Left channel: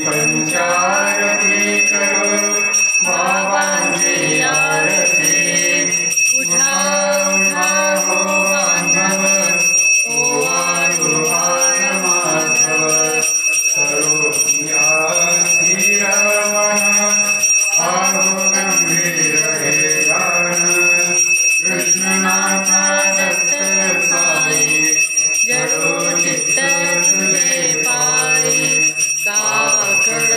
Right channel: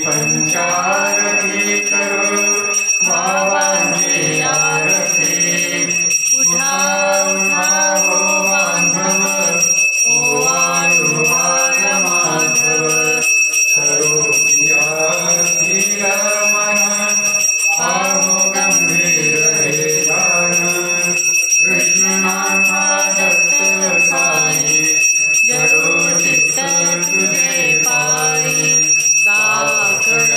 पंचारती करो बाबांची आरती। उठा उठा हो बांधव, ओवाळू बाळ माधव। करो आरती रमण, पाहू गंभीर हे गाण। कृष्णनाथा दत्त साई, जडो चित्त तुझे पायी। काकड